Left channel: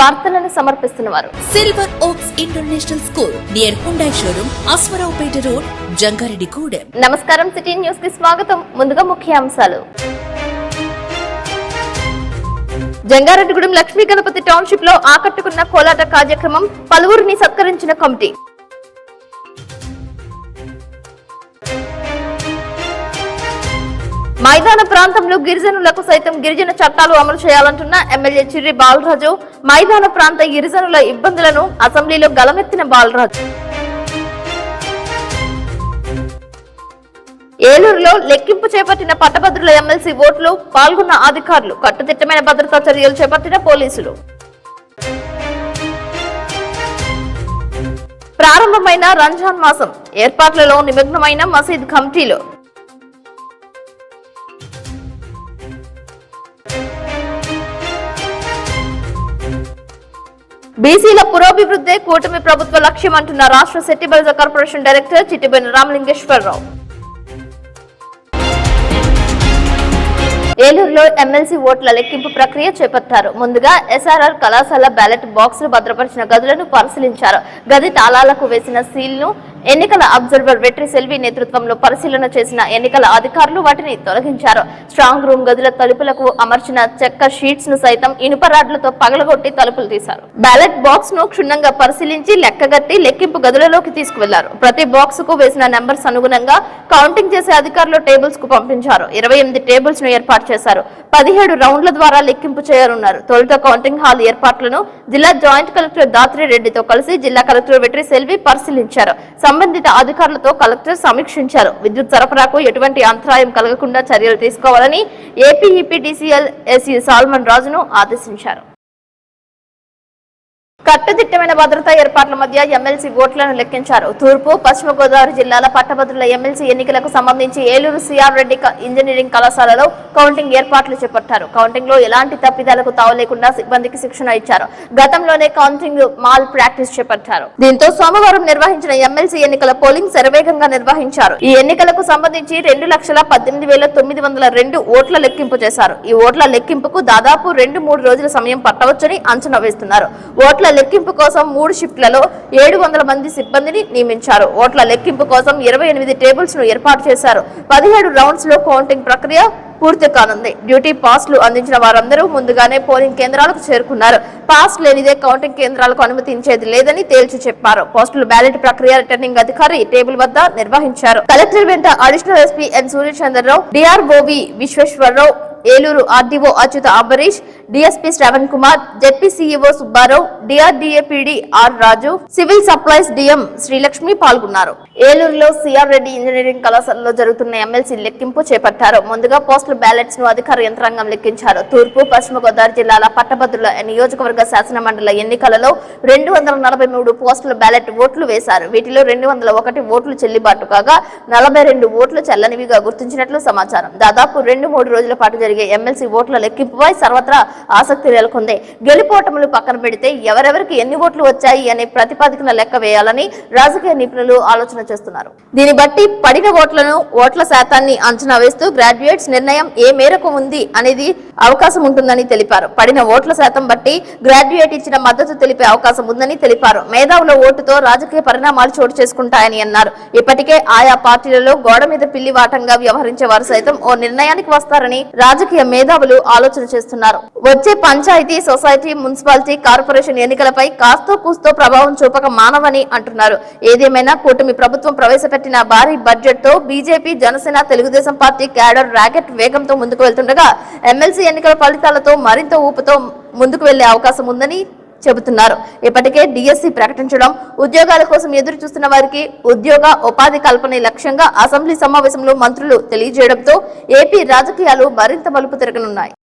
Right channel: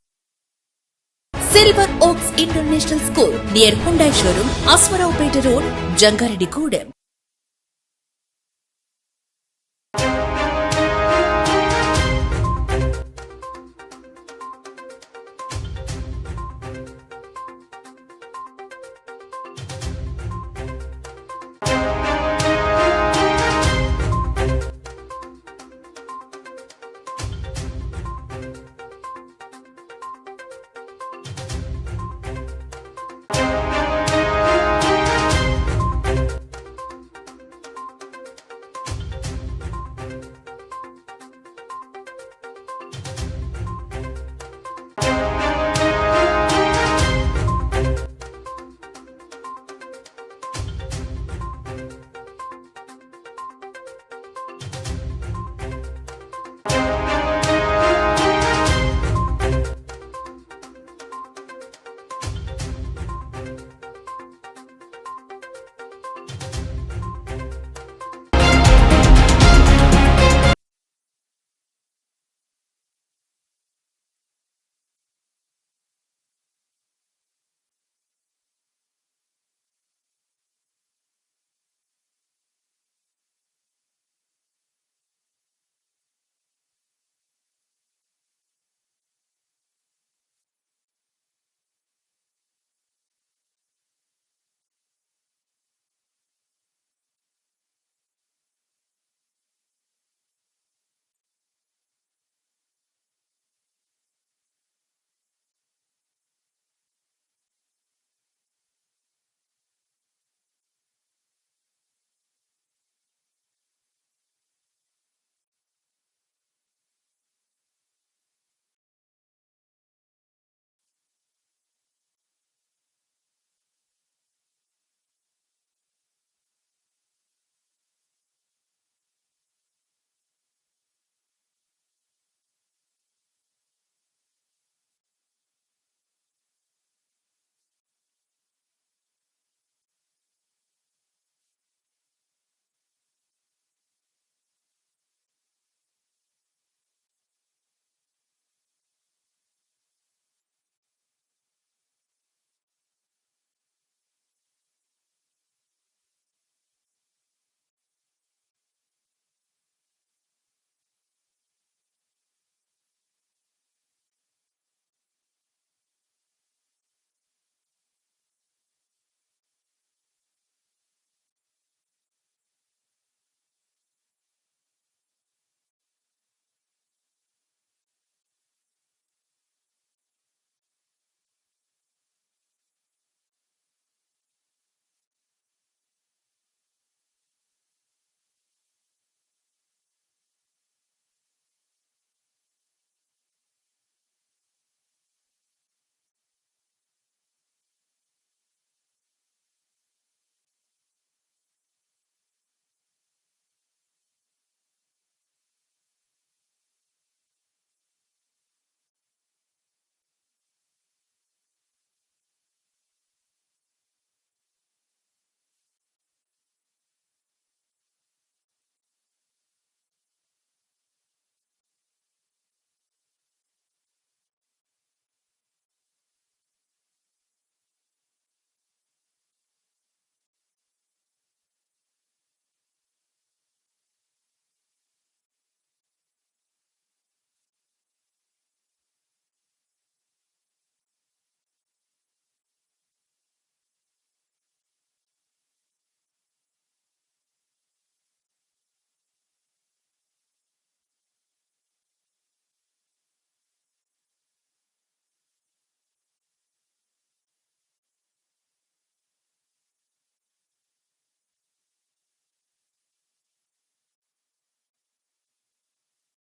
వార్తలను సమర్పిస్తున్నవారు Silver Oaks International School near Hyundai showroom Aswaraopeta road Jangareddygudem. నమస్కారం, సిటీ న్యూస్ కి స్వాగతం. ముందుగా ముఖ్యాంశాలు. జంగారెడ్డిగూడెం లక్ష్మీ గణపతి టౌన్షిప్ లో ఆకట్టుకున్న కోలాట కార్యక్రమం, పలువురిని సత్కరించిన కమిటీ. మైదాన ప్రాంతంలో గిరిజనులకు సైతం గిరిజన చట్టాలు అమలు చేయాలంటున్న ఎమ్మెల్యే చిర్రి బాలరాజు. మైదాన ప్రాంత గిరిజనుల ఇబ్బందులను అసెంబ్లీలో గలమెత్తిన బాలరాజు. ఏలూరులో లెక్కింపు చేపట్టిన పట్టభద్రుల ఎమ్మెల్సీ ఓట్లు, పాల్గొన్న అధికారులు. కట్టుదిట్టమైన భద్రతా చర్యలు చేపట్టిన పోలీసులు. ప్రారంభమైన రంజాన్ మాసం ఏర్పాట్లలో నిమగ్నమైన మసీద్ కమిటీలు. బీసీల పురోభివృద్ధే కూటమి ప్రభుత్వ లక్ష్యం అంటున్న రాష్ట్ర సెట్టిబలిజ కార్పొరేషన్ డైరెక్టర్ చిట్టిబోయిన రామలింగేశ్వరరావు. ఏలూరులో ఎమ్మెల్సీ ఓట్ల లెక్కింపు ప్రక్రియ చేపట్టారు. ముందుగా ఎస్ఆర్ఆర్ కళాశాల బ్యాలెట్ బాక్సులు భద్రపరిచిన గదులను పరిశీలించారు. గది తాళాలకు వేసిన సీల్ను ఎన్నికల అబ్జర్వర్ వెట్రి సెల్వి నేతృత్వంలో పరిశీలన చేసిన ఎన్నికల అధికారులు వాటిని తొలగించారు. స్ట్రాంగ్ రూమ్ గదుల తలుపులకు అమర్చిన చెక్క షీట్స్ ను సైతం ఇనుప రాడ్లతో పగలగొట్టి తలుపులు తీశారు. బ్యాలెట్ బాక్స్ ను క్షుణ్ణంగా పరిశీలించి లెక్కగట్టి లెక్కింపు గదులలోకి తీసుకువెళ్లారు. ప్రతి బాక్స్ కు వేసిన నెంబర్స్ అనుగుణంగా కౌంటింగ్ చేసే అధికారులు టేబుల్స్ కు పంపించారు. 28 టేబుల్స్ ను ఏర్పాటు చేశారు. 17 రౌండ్ల ద్వారా లెక్కింపు చేయనున్నారు. తొలుత కౌంటింగ్ హాల్ ఏర్పాట్లను జిల్లా జాయింట్ కలెక్టర్ దాత్రి రెడ్డితో కలిసి జిల్లా కలెక్టర్ వెట్రి సెల్వి పరిశీలించారు. సంబంధిత అధికారులతో కలెక్టర్ సమీక్షించారు. విద్యుత్ సరఫరాకు ఎటువంటి అంతరాయం కలగకుండా చర్యలు తీసుకోవాలని ఏపీ ఈపీడీసీఎల్ ఎస్ఈ సాల్మన్ రాజును ఆదేశించారు. కట్టుదిట్టమైన భద్రతా ఏర్పాట్ల మధ్య ఎమ్మెల్సీ ఓట్లను లెక్కించారు. తూర్పు, పశ్చిమ గోదావరి జిల్లాల పట్టభద్రుల ఎమ్మెల్సీ ఎన్నికలకు సంబంధించి ఏలూరు సిఆర్ రెడ్డి ఇంజనీరింగ్ కళాశాలలో కౌంటింగ్ ఏర్పాట్లు చేపట్టారు. కౌంటింగ్ లో ఎలాంటి తప్పిదాలకు తావలేకుండా సిబ్బందికి శిక్షణ ఇచ్చారు. గతంలోనే కౌంటింగ్ మాల్ ప్రాక్టీస్ చేపట్టారు. దీంతో సోమవారం నిర్వహించిన ఎమ్మెల్సీ ఎన్నికల పోలింగ్ శరవేగంగా నిర్వహించారు. ఈ ఎన్నికలకు సంబంధించి 2,18,902 ఓట్ల లెక్కింపు చేశారు. ఈ ఓట్ల లెక్కింపుకు దాదాపు 2-3 రోజుల సమయం పట్టవచ్చని అంచనా వేస్తున్నారు. ఓట్ల లెక్కింపు కోసం 3 షిఫ్ట్లలో 700 మంది సిబ్బందిని నియమించారు. ఓట్ల లెక్కింపు కోసం 28 టేబుల్స్ ను ఏర్పాటు చేశారు. 17 రౌండ్స్ లో కౌంటింగ్ ప్రక్రియ పూర్తి కానుంది. డ్యూటీ పాస్లు అందించిన వారందరూ ముందుగానే పోలింగ్ కేంద్రాలకు చేరుకున్నారు. పాస్ లేనిదే కౌంటింగ్ కేంద్రాలకు అనుమతించేది లేదని తేల్చి చెప్పారు. పోస్టుల బ్యాలెట్ ప్రక్రియ రిటర్నింగ్ అధికారి టేబుల్ వద్ద నిర్వహించారు. కలెక్టర్ వెంట additional SP N Suryachandrarao, DRO V Visweswararao, Eluru RDO Achyuta Ambarish, DSP Sravan Kumar, ZP CEO Subbarao, DRDA PD R Raju, civil supplies DM Srilakshmi పాల్గొన్నారు. ఏలూరులో సిఆర్ రెడ్డి ఇంజనీరింగ్ కళాశాలలో జరుగుతున్న ఎమ్మెల్సీ లెక్కింపు చేపట్టారు. ముందుగా పోస్టల్ బ్యాలెట్స్ ను అధికార యంత్రాంగం లెక్కించారు. తూర్పు, పశ్చిమ గోదావరి జిల్లాల పట్టభద్రుల నియోజకవర్గ శాసన మండలి ఎన్నికలలో 243 పోస్టల్ బ్యాలెట్ ఓట్లు వేశారు. వీటిలో 201 ఓట్లు చెల్లుబాటు కాగా 42 ఓట్లు చెల్లనివిగా గుర్తించినట్లు సమాచారం. దాదాపు 2-3 రోజుల పాటు జరిగే ఎమ్మెల్సీ ఓట్ల లెక్కింపుపై సర్వత్రా ఆసక్తి నెలకొంది. గెలుపోటములు పక్కన పెడితే ఎవరెవరికి ఎన్ని ఓట్లు వచ్చాయి అనే ప్రతిపాదికన లెక్క వేయాలని రాజకీయ నిపుణులు ఆలోచన చేస్తున్నారు. దీన్ని బట్టి పడిన ఓట్ల శాతాన్ని అంచనా వేస్తూ గ్రాడ్యుయేట్స్ నిర్ణయం ఏ మేరకు ఉంది అనేది అవకాశం ఉంటుందని తెలిపారు. పడిన ఓట్ల శాతం బట్టి గ్రాడ్యుయేట్ ఇచ్చిన మద్దతు తెలిపే అవకాశం ఉందని తెలిపారు. మేధావుల ఓటుతో రాజకీయ పరిణామాలు చోటు చేసుకుంటాయని అన్నారు. ఇప్పటికే ఆయా పార్టీలలో గోడ మీద పిల్లి వాటంగా వ్యవహరించే వారు సైతం ఓ నిర్ణయానికి వస్తారని రాజకీయ మేధావులు ఆలోచన చేస్తున్నారు. వచ్చే పంచాయతీ, సొసైటీ, మున్సిపాలిటీ, కార్పొరేషన్ ఎన్నికలపై కాస్తో కూస్తో ప్రభావం చూపక మానవని అంటున్నారు. ఏదేమైనా కూటమి ప్రభుత్వం ప్రవేశపెట్టిన భారీ బడ్జెట్ తో BJP, Janasena, Telugu Desam party cadre rocket వేగంతో ముందుకు వెళ్తుండగా ఎమ్మెల్సీ ఎన్నికల ఫలితాలతో మరింత ఊపుతో ముందుకు వెళ్లే అవకాశం ఉందని చెబుతున్నారు. ఇప్పటికే డిఎస్సి ప్రకటించడం, ఉద్యోగాల కోసం ఎదురు చూస్తున్న వారికి ఉద్యోగ ఉపాధి కల్పనే లక్ష్యంగా అసెంబ్లీ సమావేశంలో మంత్రులు తెలియజేయడంతో ఏపీ రాజకీయాలు మరింత మలుపు తిరగనున్నాయి.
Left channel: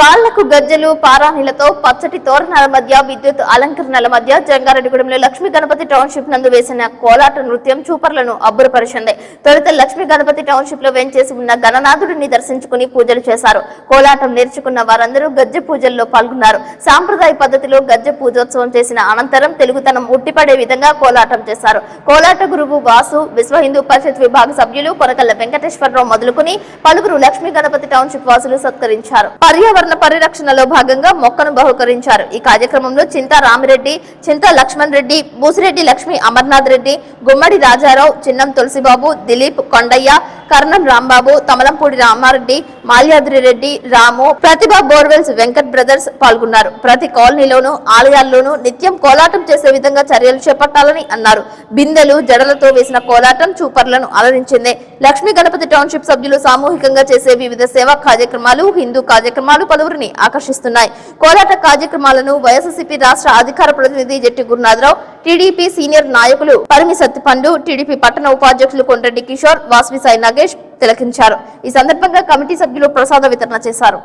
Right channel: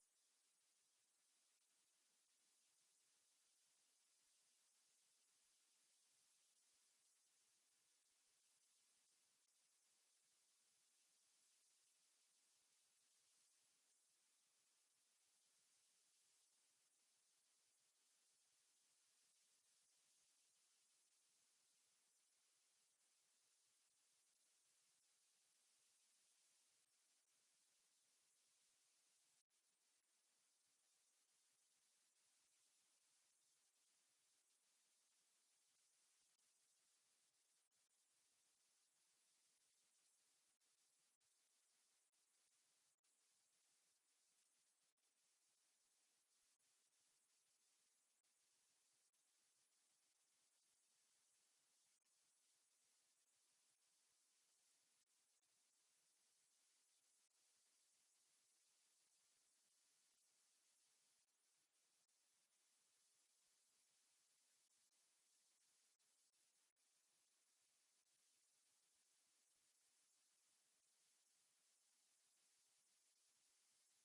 కాళ్లకు గజ్జలు పారాణిలతో పచ్చటి తోరణాల మధ్య విద్యుత్ అలంకరణల మధ్య జంగారెడ్డిగూడెంలో లక్ష్మీ గణపతి టౌన్షిప్ నందు వేసిన కోలాట నృత్యం చూపర్లను అబ్బురపరిచింది. తొలుత లక్ష్మీ గణపతి టౌన్షిప్ లో వేంచేసి ఉన్న గణనాథుడిని దర్శించుకుని పూజలు చేశారు. కోలాటం నేర్చుకున్న వారందరూ గజ్జె పూజల్లో పాల్గొన్నారు. సాంప్రదాయ పద్ధతిలో గజ్జె పూజోత్సవం చేసిన అనంతరం తెలుగుతనం ఉట్టిపడే విధంగా కోలాటం చేశారు. కోలాట గురువు వాసు, విశ్వ హిందూ పరిషత్ విభాగ సభ్యులు కొనకల్ల వెంకటేశ్వరరావు మొదలుకుని పలువురు లక్ష్మీ గణపతి టౌన్షిప్ వాసులు సత్కరించారు. పర్యావరణ పరిరక్షణలో భాగంగా మొక్కను బహుకరించారు. ఈ కార్యక్రమంలో చింతా రామిరెడ్డి, చింతా లక్ష్మణ్ రెడ్డి, బూసిరెడ్డి లక్ష్మీ అమర్నాథ్ రెడ్డి, గుమ్మడి రాజారావు, చిన్నం తులసిబాబు, దిలీప్, కొండయ్య, కర్ణం రాంబాబు, తమలంపూడి రామారెడ్డి, మాల్యాద్రి రెడ్డి, రాము, ప్రతిభ బోర్వెల్స్, వెంకట్ బ్రదర్స్ పాల్గొన్నారు. ప్రతి కాలనీలోనూ ఆలయాల్లోనూ నిత్యం కోలాటం చేసే విధంగా చర్యలు చేపట్టాలని అన్నారు. బిందెలు, జడలతో వేసిన కోలాటం చూపర్లను అలరించింది. లక్ష్మీ గణపతి టౌన్షిప్ సభ్యులు సామూహికంగా చేసే వివిధ సేవా కార్యక్రమాలు, హిందూ కార్యక్రమాలు పలువురిని ఆకర్షిస్తున్నాయి. కోలాట కార్యక్రమాలను వైఎస్ఆర్సీపీ రాష్ట్ర అధికార ప్రతినిధి జెట్టి గురునాథరావు, టీడీపీ సీనియర్ నాయకులు పరిమి సత్తిపండు, టీడీపీ పట్టణ ఉపాధ్యక్షులు కొండ్రెడ్డి కిషోర్, వాస్వి సాయి నాగేష్ తిలకించారు. ఈ సందర్భంగా కమిటీ సభ్యులు ప్రసాద వితరణ చేశారు.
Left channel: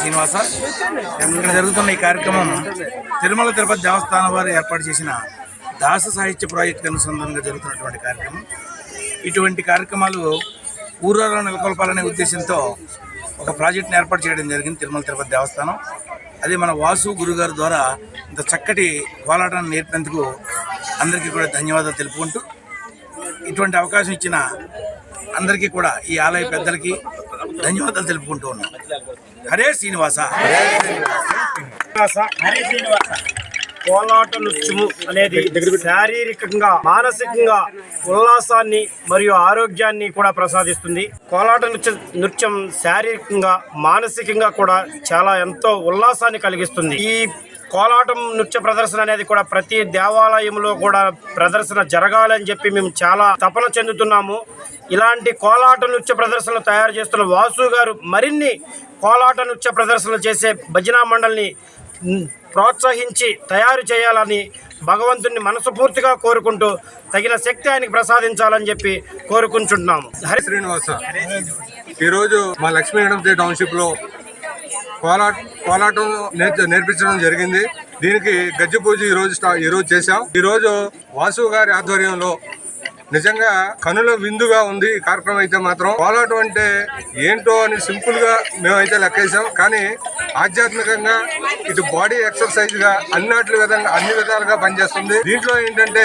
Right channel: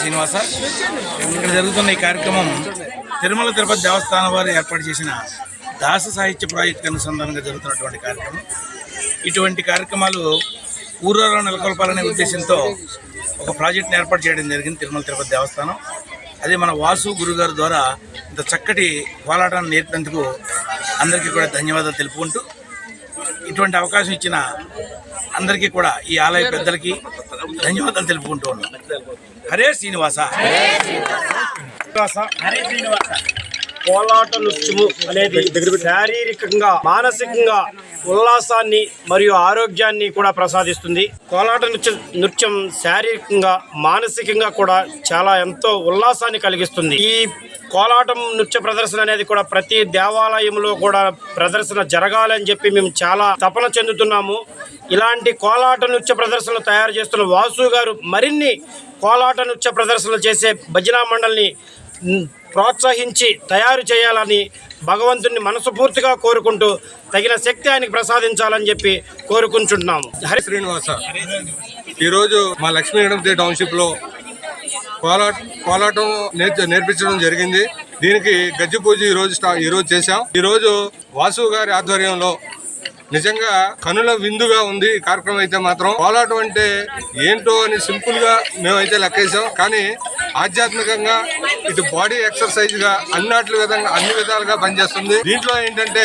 శ్రీనివాస ఇక్కడ జరుగుతున్న ఈ కార్యక్రమం తిరుమల తిరుపతి దేవస్థానం వారు ఏర్పాటు చేసిన దాస సాహిత్య ప్రాజెక్టు అనుసంధానంగా జరుగుతున్నటువంటి కార్యక్రమం. ఇటువంటి కార్యక్రమాలు ఊర్లలో నెలకొల్పాలనే ఉద్దేశంతో ఒక ప్రాజెక్ట్ని ఏర్పాటు చేయడం జరిగింది తిరుమల తిరుపతి దేవస్థానం. అదే మన వాసు గురుగారు ద్వారా ఇంత చక్కటి కోలాటాన్ని నేర్పినందుకు అందరికీ కూడా ధన్యవాదాలు తెలుపుకుంటూ, ఇటువంటి అవకాశం ఇచ్చిన అందరికీ కూడా ఈ ఆలయ పెద్దలకి ధన్యవాదాలు తెలుపుకుంటూ ఉన్నాం. హరే శ్రీనివాస. కోలాట నృత్యము అనేది శారీరకంగా, మానసికంగా ఉల్లాసాన్ని మరియు ఆరోగ్యాన్ని కూడా ప్రసాదిస్తుంది. కోలాట నృత్యం శారీరకంగా, మానసికంగా కూడా చాలా ఎంతో ఉల్లాసాన్ని కలిగిస్తుంది. ఈ కోలాటం నృత్య ప్రదర్శన అనేది కూడా ప్రతి దేవాలయంలో కూడా ప్రదర్శన జరగాలని చెప్పి మేము చాలా తపన చెందుతున్నాము. ఇలాంటి కోలాట నృత్య ప్రదర్శనలు తయారు చేస్తున్న వాసు గారు మరిన్ని కోలాట నృత్య ప్రదర్శనలు చేసే భజనా మండలిని ప్రోత్సహించి తయారు చేయాలని భగవంతుని మనస్ఫూర్తిగా కోరుకుంటూ తగిన శక్తి ఆయనకి ప్రసాదించాలని చెప్పి కోరుకుంటున్నాము. హరి శ్రీనివాస. ఈరోజు మా లక్ష్మీ గణపతి టౌన్షిప్లో కోలాటం నేర్పించడం జరిగింది. దీనికి గజ్జె పూజ ఈరోజు చేశాం. ఈరోజు వాసు గారి ఆధ్వర్యంలో నిజంగా కనుల విందుగా ఉంది ఈ కార్యక్రమం. అయితే మాత్రం కోలాటం అంటే ఏంటో అని సింపుల్ గా మేమైతే లెక్కేసాం, కానీ ఆధ్యాత్మికంగా ఇటు బాడీ ఎక్సర్సైజ్ గా అన్ని విధాలుగా పనిచేస్తుంది. దీంట్లో ఏంటంటే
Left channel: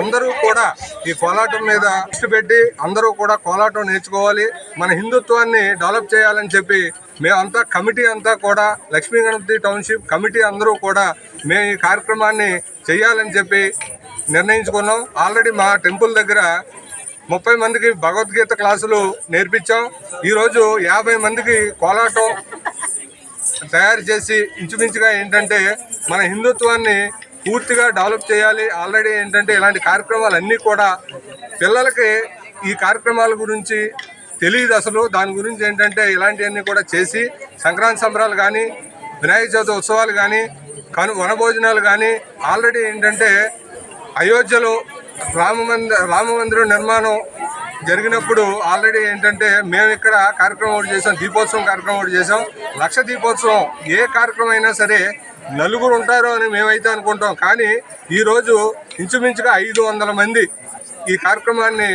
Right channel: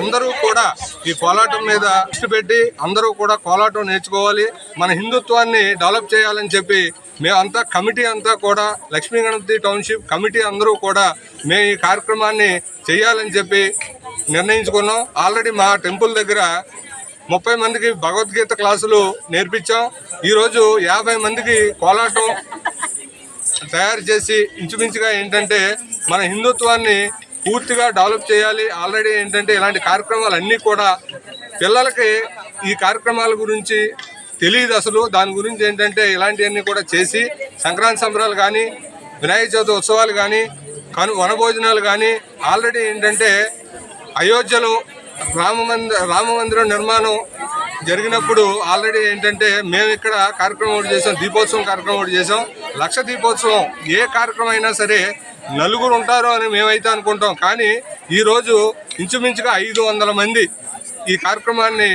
అందరూ కూడా ఈ కోలాటం మీద దృష్టి పెట్టి అందరూ కూడా కోలాటం నేర్చుకోవాలి, మన హిందుత్వాన్ని డెవలప్ చేయాలని చెప్పి మేమంతా కమిటీ అంతా కూడా లక్ష్మీ గణపతి టౌన్షిప్ కమిటీ అందరూ కూడా మేము ఈ కార్యక్రమాన్ని చేయాలని చెప్పి నిర్ణయించుకున్నాం. ఆల్రెడీ మా టెంపుల్ దగ్గర 30 మందికి భగవద్గీత క్లాసులు నేర్పించాం. ఈరోజు 50 మందికి కోలాటం తయారు చేసి ఇంచుమించుగా ఏంటంటే మన హిందుత్వాన్ని పూర్తిగా డెవలప్ చేయాలి. ఆల్రెడీ ఏంటంటే ఇలాంటి కార్యక్రమాలు అన్నీ కూడా పిల్లలకి ఈ కార్యక్రమాల గురించి తెలియదు అసలు. దాని గురించి ఏంటంటే ఇలాంటివన్నీ కూడా చేసి సంక్రాంతి సంబరాలు కానీ, వినాయక చవితి ఉత్సవాలు కానీ, వనభోజనాలు కానీ, ఆల్రెడీ ఏంటంటే అయోధ్యలో రామమందిరం నిర్మాణం జరిగినప్పుడు ఆల్రెడీ ఏంటంటే మేము ఇక్కడ కార్యక్రమం ఒకటి చేసాం, దీపోత్సవం కార్యక్రమం ఒకటి చేసాం. లక్ష దీపోత్సవం ఏ కార్యక్రమం అయినా సరే నలుగురు ఉంటారు అని మేమైతే అనుకుంటాం, కానీ ఈరోజు ఇంచుమించుగా 500 మంది ఈ కార్యక్రమాన్ని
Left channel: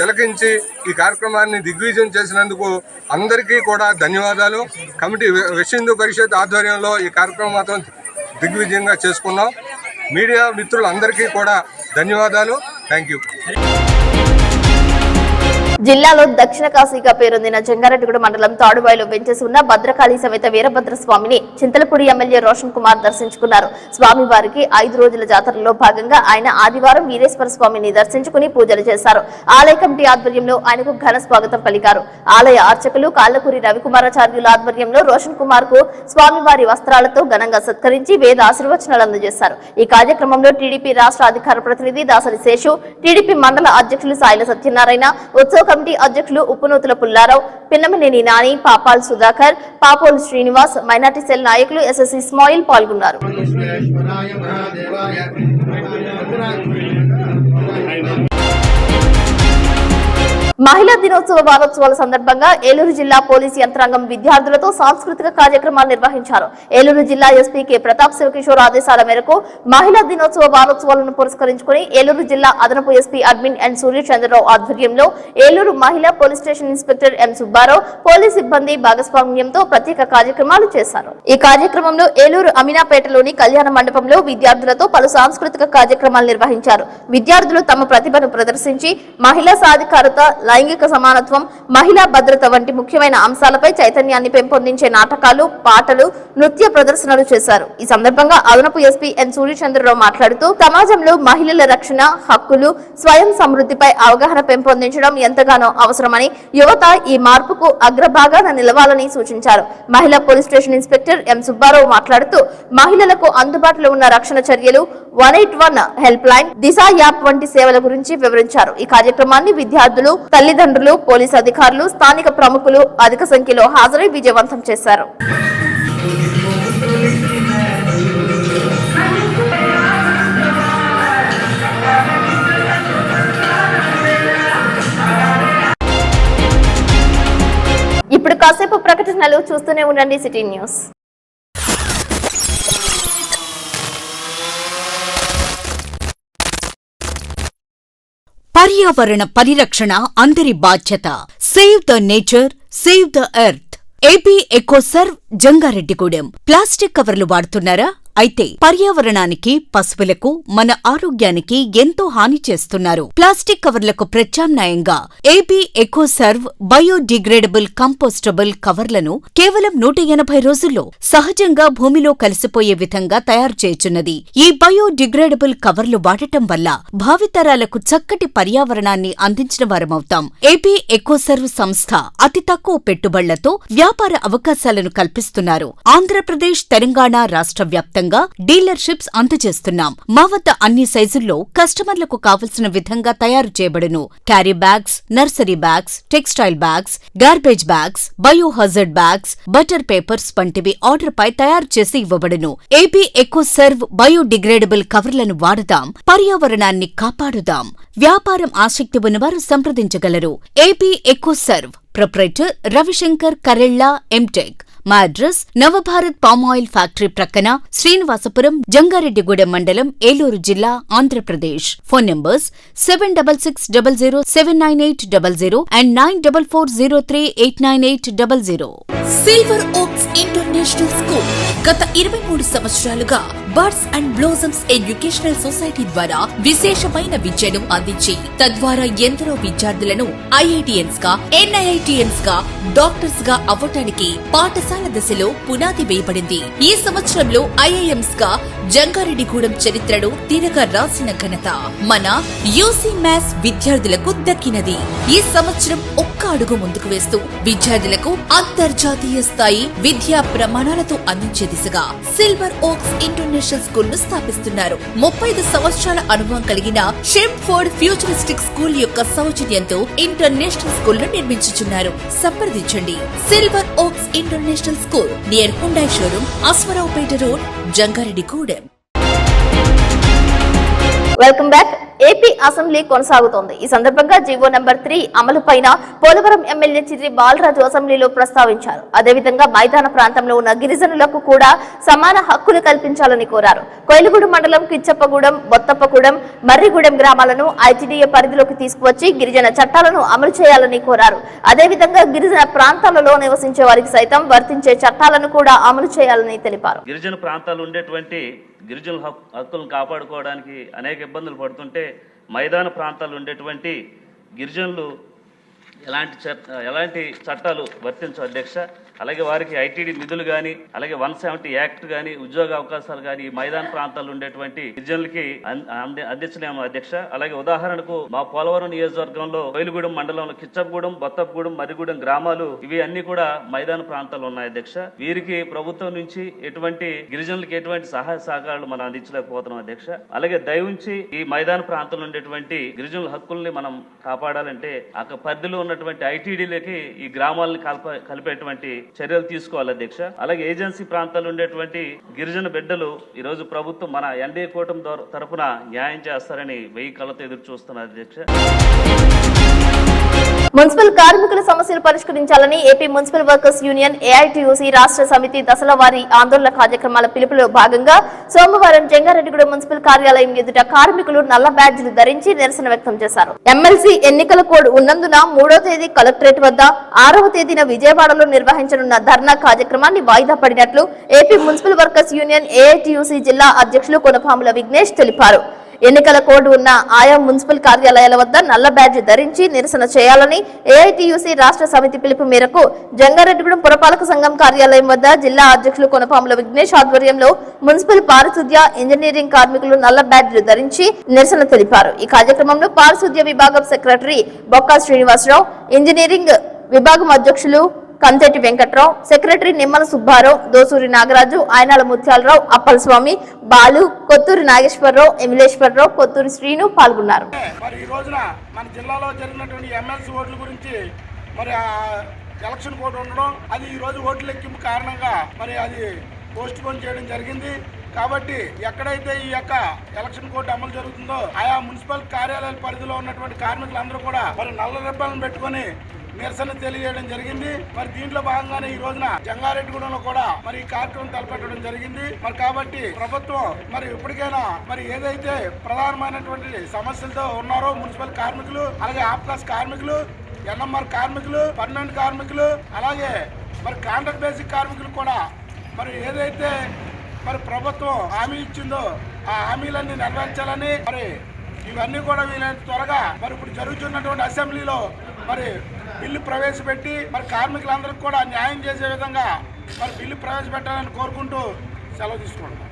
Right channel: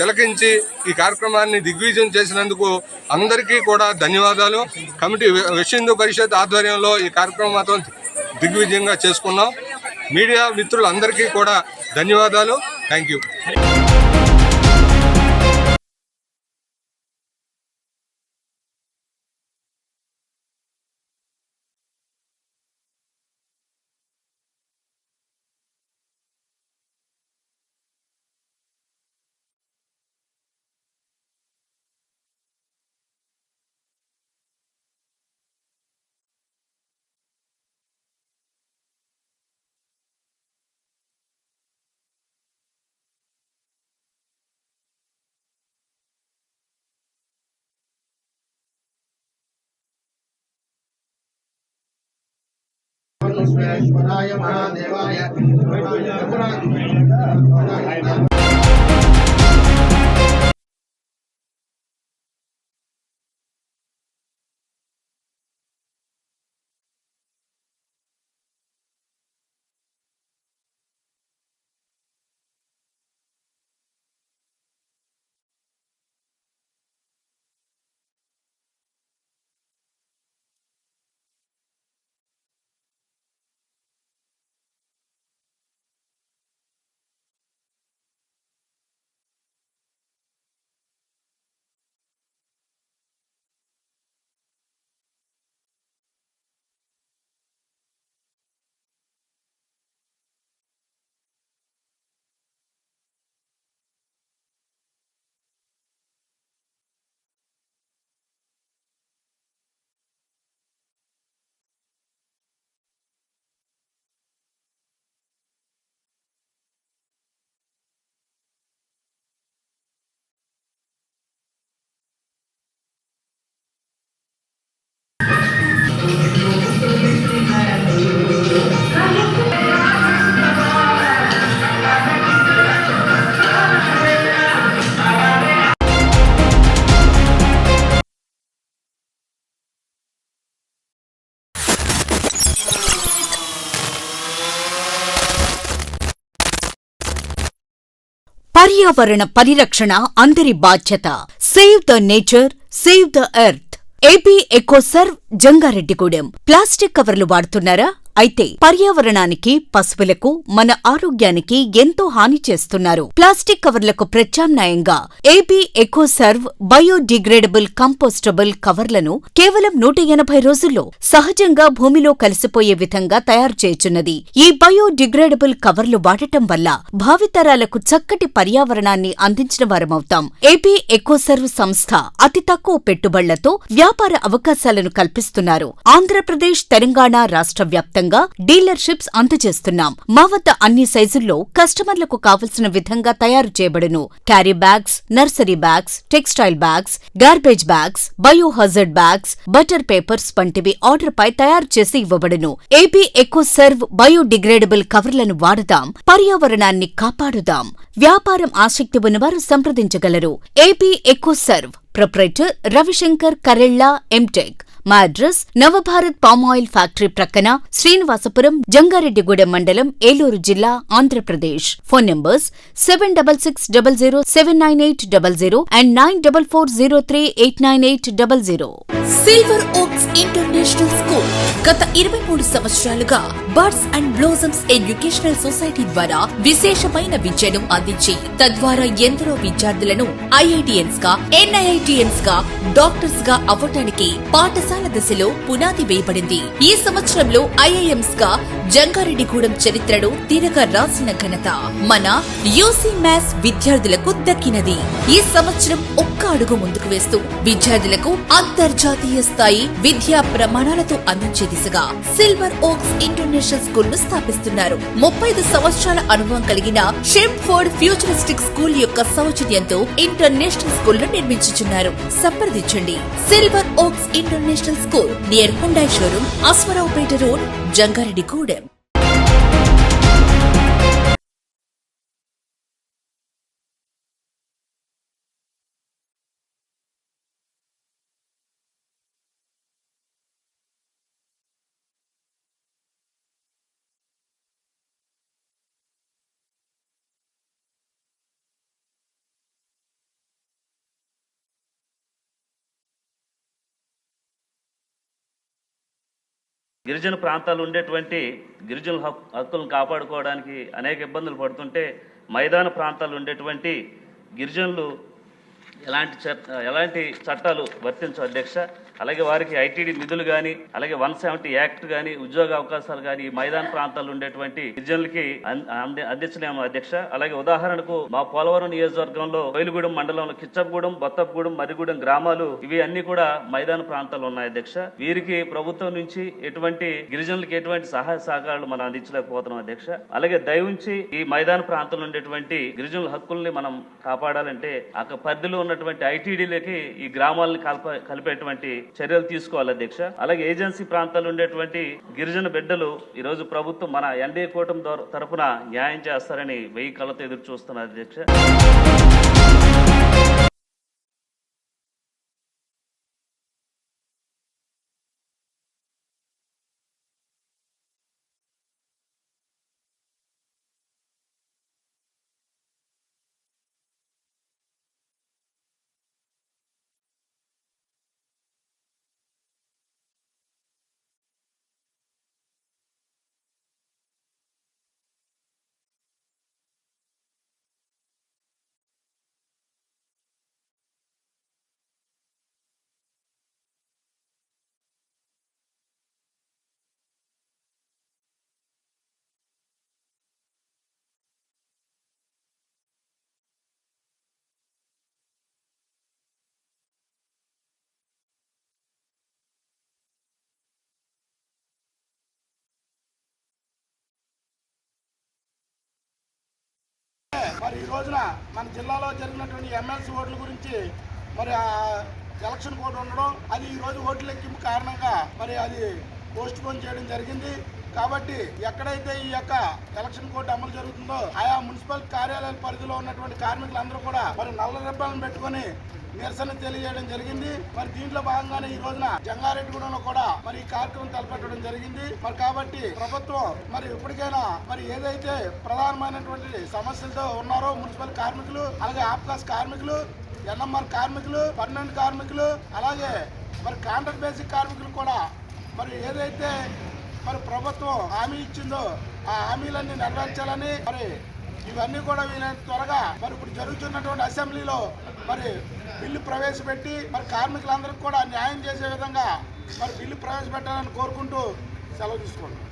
తిలకించి ఈ కార్యక్రమాన్ని దిగ్విజయం చేసినందుకు అందరికీ కూడా ధన్యవాదాలు. కమిటీ విశ్వ హిందూ పరిషత్ ఆధ్వర్యంలో ఈ కార్యక్రమం మాత్రం దిగ్విజయంగా చేసుకున్నాం. మీడియా మిత్రులందరికీ కూడా ధన్యవాదాలు. Thank you. జిల్లాలో దక్షిణ కాశీగా పేరొందిన జంగారెడ్డిగూడ మండలం తాడుబాయిలో వెంచేసి ఉన్న భద్రకాళి సమేత వీరభద్ర స్వామిని చింతలపూడి ఎమ్మెల్యే రోషన్ కుమార్ దర్శించుకున్నారు. స్వామివారికి 5 రోజుల జాతరలో భాగంగా ఆయన ఆదివారం వీరేశ్వర స్వామిని దర్శించుకుని పూజలు చేశారు. ఆలయ కమిటీ ఆధ్వర్యంలో ఆయనకు ఘన స్వాగతం పలికారు. ఆలయ అర్చకులు కాళ్లకూరి రవికుమారాచార్యుల ఆధ్వర్యంలో రోషన్ కుమార్ కు స్వామివారి వస్త్రాలతో ఘనంగా సత్కరించి వేద ఆశీర్వచనాలు అందజేశారు. ఈ కార్యక్రమంలో టీడీపీ రాష్ట్ర అధికార ప్రతినిధి దాసరి శేషు, టీడీపీ మండల అధ్యక్షులు సాయిల సత్యనారాయణ, ఉత్సవ కమిటీ అధ్యక్షులు ఉప్పునూతుల పుల్లారావు, పిన్నమనేని నాని, పాపాల్ సుధాకర్, పాపోలు శ్రీనివాస్, మైనార్టీ సెల్ నాయకులు ఎస్ఎస్ ఇస్మాయిల్ పాల్గొన్నారు. మహిళా దినోత్సవ వారోత్సవాల సందర్భంగా ఏలూరు జిల్లా పోలీసు యంత్రాంగం విద్యార్థులతో సాంస్కృతిక కార్యక్రమాలు నిర్వహించారు. ఏలూరు జిల్లా ఎస్పీ కె ప్రతాప్ శివకిషోర్ ఆదేశాల మేరకు మహిళా దినోత్సవ వారోత్సవాలను పురస్కరించుకుని ఏలూరు జిల్లా అదనపు ఎస్పీ అడ్మిన్ ఎన్ సూర్యచంద్రరావు ఆధ్వర్యంలో ఏలూరు మహిళా police station inspector M Subbarao police సిబ్బంది భాగస్వామ్యంతో ప్రత్యేక కార్యక్రమాలు చేశారు. ఈ కార్యక్రమంలో ఏలూరు అమీనాపేటలోని కళ్యాణ మండపంలో విద్యార్థులతో పలు సాంస్కృతిక కార్యక్రమాలు నిర్వహించారు. విద్యార్థులు తమ ప్రతిభను ప్రదర్శించి మహిళా సాధికారత, లైంగిక సమానత్వం, మహిళా భద్రత వంటి ముఖ్యమైన అంశాలపై చైతన్యాన్ని పెంపొందించే నాటకాలు, పాటలు, నృత్య ప్రదర్శనలు చేశారు. ఈ సందర్భంగా అదనపు ఎస్పీ ఎన్ సూర్యచంద్రరావు మాట్లాడుతూ సమాజంలో మహిళల రక్షణ, హక్కులు, స్వయం సమృద్ధిపై అవగాహన పెంపొందించడం ఎంతగానో అవసరమని, యువత ఈ మార్పుకు అగ్రభాగాన నిలవాలని సూచించారు. మహిళా police station inspector M Subbarao మాట్లాడుతూ మహిళలకు అందుబాటులో ఉన్న రక్షణ చర్యలు, 181 హెల్ప్ లైన్, దిశ యాప్ వంటి సేవల గురించి వివరించారు. ఈ కార్యక్రమాన్ని విద్యార్థులు, తల్లిదండ్రులు, పోలీసు అధికారులు, స్థానిక ప్రముఖులు అధిక సంఖ్యలో హాజరై విజయవంతం చేశారు. ఇప్పుడు కాసేపు ప్రకటనలు చూస్తూనే ఉండండి సిటీ న్యూస్. పర్యావరణ పరిరక్షణ అందరి బాధ్యత. Save the nature, save the earth. AP EcoServe, Jangareddygudem. Plastic కవర్లు వాడుతున్నారా? అయితే పర్యావరణానికి, పశువులకు, మన ఆరోగ్యానికి ఎంతో హాని చేస్తున్నారు. ప్లాస్టిక్ కవర్లకు ప్రత్యామ్నాయంగా ఏపీ ఎకోసర్వ్ బయోడిగ్రేడబుల్ కంపోస్టబుల్ కవర్లను కేవలం 180 రోజుల్లో సహజంగా భూమిలో కలిసిపోయే విధంగా తయారు చేయుచున్నది. ఈ బయోడిగ్రేడబుల్ కవర్లు వాడటం వల్ల భావితరాలకు చక్కటి పర్యావరణాన్ని అందించిన వారమవుతాం. ఏపీ ఎకోసర్వ్ సంస్థ అతి తక్కువ పెట్టుబడులతో వ్యాపార అవకాశాలను కల్పిస్తున్నారు. ఆంధ్రప్రదేశ్, తెలంగాణ రాష్ట్ర వ్యాప్తంగా డీలర్షిప్స్ అందజేస్తున్నాం. మా వద్ద అన్ని సైజుల్లో కస్టమర్లకు కావలసిన విధంగా తయారు చేయబడును. Carry bags, nursery bags, textile bags, garbage bags, biohazard bags, butter papers వంటివి ఆర్డర్ పై తయారు చేసి ఇవ్వబడును. ఏపీ ఎకోసర్వ్ బయోడిగ్రేడబుల్ కవర్లను వాడదాం, పర్యావరణాన్ని కాపాడుదాం. వ్యాపారం ఆసక్తి ఉన్నవారు సంప్రదించగలరు. AP EcoServe proprietor Ravishankar Karella, MTech. మా అడ్రస్ నవభారత్ పామాయిల్ ఫ్యాక్టరీ ప్రక్కన, శ్రీనివాసపురం, జంగారెడ్డిగూడెం మండలం, ఏలూరు జిల్లా, Andhra Pradesh. Phone numbers 7660079800 and 9440389800. Silver Oaks International School గత 23 సంవత్సరాలుగా Birds and Blossoms Educational Society ద్వారా విశేషమైన విద్యను అందించి తద్వారా ఎందరో విద్యార్థులను ఐఐటిఎన్స్ గా, ఎన్ఐఐటిఎన్స్ గా, డాక్టర్స్ గా అవ్వటానికి పాఠశాల దశలో పునాది వేయబడింది. ఈ సంవత్సరంలో ఐఐఎంస్ గా జంగారెడ్డిగూడెం చరిత్రను తిరగ రాసిన ఘనత మన యూసీ మ్యాథ్స్ విద్యార్థులకు దక్కినది. ఈ సంవత్సరం ఒక్క అడుగు ముందుకు వేస్తూ విద్యార్థులకు అంతర్జాతీయ స్థాయి విద్యా ప్రమాణాలతో అందించే దిశగా సిల్వర్ ఓక్స్ ఇంటర్నేషనల్ స్కూల్ ను స్థాపిస్తున్నారు. 35 సంవత్సరాల అనుభవం కలిగిన షెంఫోర్డ్ ఫ్యూచరిస్టిక్ స్కూల్ యొక్క సౌజన్యంతో ఇంటర్నేషనల్ స్కూల్ ను నిర్మించుచున్నారు. సంప్రదించండి. Silver Oaks International School near Hyundai showroom, Aswaraopeta road, Jangareddygudem. Welcome back. AP assembly కొనసాగుతోంది. ఈ సందర్భంగా జీవో నంబర్ 3 అమలుపైన పోలవరం ఎమ్మెల్యే చిర్రి బాలరాజు అసెంబ్లీలో ప్రస్తావించారు. అదేవిధంగా మైదాన ప్రాంతంలో ఉన్న గిరిజనులకు కూడా సమాన హక్కులు కల్పించాలని కోరారు. కొయిలగూడెం మండలం కిచ్చప్పగూడెం, బొత్తప్పగూడెం, మర్రిగూడెం గ్రామాలను ఐటీడీఏ పరిధిలోకి తీసుకువచ్చి గిరిజన చట్టాలను అమలు చేయాలని కోరారు. అదేవిధంగా గిరిజన ప్రాంతాలలో నివసించే వారికి సైతం వర్తించే చట్టాలను కూడా అమలు చేయాలని తెలిపారు. గిరిజన ప్రాంతాలు ఉండేటువంటి గిరిజన హక్కులను కాపాడుకోవడానికి అనేక ఇబ్బందులు పడుతుంటే మైదాన ప్రాంతాలు ఉండేటువంటి గిరిజనులు ఎలాంటి చట్టాలు వర్తించవు అధ్యక్ష. అలాగే వారికి ఐటీడీ నిధులు కానీ, అలాగే 170 యాక్ట్ కానీ, ఉద్యోగ అవకాశాలు కానీ మైదాన ప్రాంతాల్లో ఉండేటువంటి గిరిజనులకి అందించలేము అధ్యక్ష. అలాగే ఉదాహరణకు మా పోలవరం నియోజకవర్గంలో కొయిలగూడెం మండలంలో కిచ్చప్పగూడెం, బొత్తప్పగూడెం, మర్రిగూడెం గ్రామాలు ఇవి అన్ని కూడా మైదాన ప్రాంతాలు ఉన్నాయి అధ్యక్ష. వీరికి ప్రభుత్వం నుంచి గిరిజనులకి ఎటువంటి సహాయ సహకారాలు మనం అందించలేకపోతున్నాం అధ్యక్ష. అలాగే దయవుంచి ఈ మైదాన ప్రాంతంలో ఉండేటువంటి గిరిజనుల హక్కుల్ని మనం కాపాడాలంటే ఆ పరిధిలో ఉన్నటువంటి ఐటీడీలకి ఈ గ్రామాలను కలిపేటువంటి చర్యలు తీసుకోవాలి అధ్యక్ష. అలాగే ఏజెన్సీ ప్రాంతాల్లో ఉండేటువంటి గిరిజన బిడ్డలు ఈ రోజు ప్రభుత్వం మన ఎన్డీఏ కూటమి తరఫున న్యాయం చేస్తారని 1000 కళ్ళతో ఎదురు చూస్తున్నారు అధ్యక్ష. మున్సిపల్ కార్మికుల సమస్యలు పరిష్కరించాలని AP municipal workers union AITUC రాష్ట్ర సమితి దశల వారీ ఆందోళన కార్యక్రమాల పిలుపులో భాగంగా సోమవారం జంగారెడ్డిగూడెం మున్సిపల్ కార్యాలయం ఎదుట కార్మికులు నల్ల బ్యాడ్జీలు ధరించి నిరసన వ్యక్తం చేశారు. ఎమ్మెల్సీ ఎన్నికల కోడ్ ఉన్నందున 3వ తేదీ కలెక్టరేట్ వద్ద 6వ తేదీన విజయవాడలో నిర్వహించనున్న ధర్నా కార్యక్రమాన్ని వాయిదా పడినట్లు AP municipal workers union AITUC జిల్లా అధ్యక్షులు కొనపాముల విఘ్నేష్ తెలిపారు. ఎన్నికల కోడ్ ఉన్న ఆయా మున్సిపల్ కార్యాలయాల వద్ద నల్ల బ్యాడ్జ్ ధరించి నిరసన చేయాలని ఏఐటీయూసీ రాష్ట్ర సమితి పిలుపు మేరకు జంగారెడ్డిగూడెం పురపాలక సంఘం కార్యాలయం వద్ద జిల్లా అధ్యక్షులు కొనపాముల విఘ్నేష్ ఆధ్వర్యంలో మున్సిపల్ పారిశుద్ధ్య ఇంజనీరింగ్ కార్మికులు నల్ల బ్యాడ్జ్ ధరించి నిరసన తెలిపారు. ఈ కార్యక్రమంలో పారిశుద్ధ్య విభాగం సెక్రటరీ బొక్కా శ్రీనివాసరావు, ఇంజనీరింగ్ విభాగం అధ్యక్షులు కంతెటి వెంకట్రావు, సెక్రటరీ నిమ్మల సుబ్బారావు, దోసూరి నాగరాజు, ఆయనాల ముత్యాలరావు, అప్పలస్వామి, బాలు, కొత్తూరి నాగేశ్వరరావు, ఎమిలేశ్వరరావు, కొత్తూరి శ్రీను పాల్గొన్నారు. మరి ఈ రోజున మన జిల్లాలో జరిగినటువంటి ఎమ్మెల్సీ ఓట్ల గురించి మరి ఎలక్షన్ కోడ్ ఉండడం, అది ఈ రోజు ఓట్ల లెక్కింపు కారణంగా మరి అది పోస్ట్ పోన్ చేయడం జరిగింది. కాబట్టి ఎక్కడైతే ఈ యొక్క ఎలక్షన్ కోడ్ అమలు జరుగుతుందో ఆయా మున్సిపల్ కార్యాలయాల పరిధిలో ఉన్నటువంటి కార్మికులందరూ కూడా మరి నల్ల రిబ్బన్లను పెట్టుకొని నిరసన తెలియజేయడం జరిగింది. మరి దీంట్లో భాగంగానే ఈ రోజున జంగారెడ్డిగూడెంలో కూడా మరి ఈ కార్యక్రమం తలపెట్టడం జరిగింది. మరి కాబట్టి ప్రభుత్వం మరి ఇప్పటికైనా మరి ఏదైతే ప్రధానమైనటువంటి సమస్యలతో ఉన్నారో మున్సిపల్ కార్మికులు, అలాగే ఆప్కాస్ కార్మికులు, ఎన్ఎంఆర్ కార్మికులు, పర్మనెంట్ కార్మికులు, అలాగే మరి కాంట్రాక్ట్ బేసిక్ కార్మికులు కూడా మరి ఏదైతే మరి ప్రభుత్వం హామీ ఇచ్చిందో ఆ హామీలన్నీ నెరవేర్చాలని మరి ఇవన్నీ కూడా వీలైనంత త్వరగా మరి ఇప్పుడు జరుగుతున్నటువంటి అసెంబ్లీలో మరి బిల్లు ప్రవేశపెట్టి మరి కార్మికులందరికీ కూడా న్యాయం చేసే విధంగా మరి బిల్లు ప్రవేశపెట్టాలని కోరుకుంటూ సెలవు తీసుకుంటాం.